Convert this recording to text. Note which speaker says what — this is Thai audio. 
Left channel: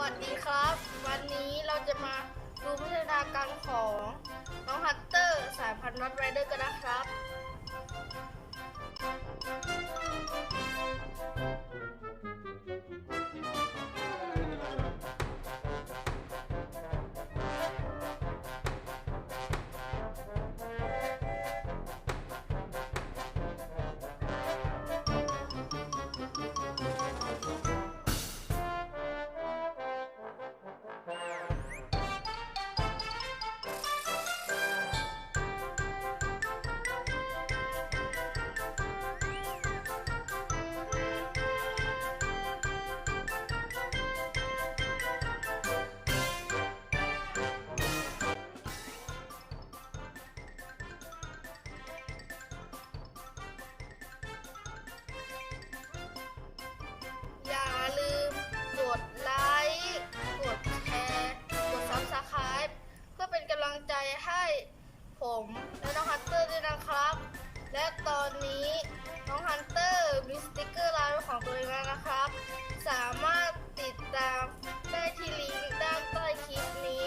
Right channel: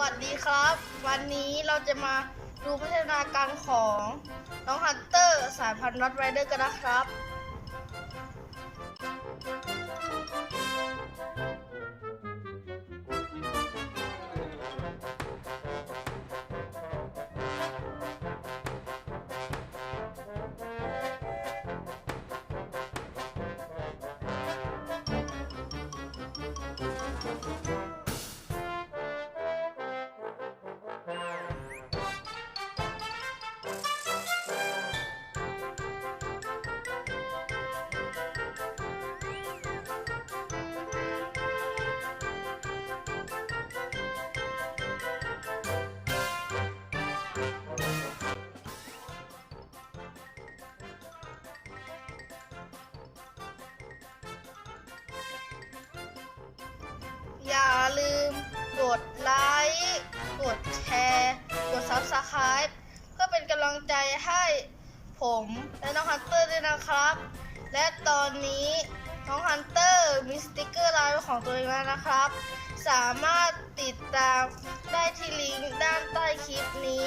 Speaker 1: วัสดีครับ วันนี้เราจะมาดูพัฒนาการของน้องฮันเตอร์สายพันธุ์น็อตไรเดอร์กันนะครับ ลืมกดไลค์กดแชร์กด Subscribe เพื่อเป็นกำลังใจให้ผมและน้องฮันเตอร์ด้วยนะครับ และตอนนี้น้องฮันเตอร์มีสติกเกอร์ลายของตัวเองแล้วนะครับ สามารถติดตามได้ที่ลิงก์ด้านใต้คลิปนี้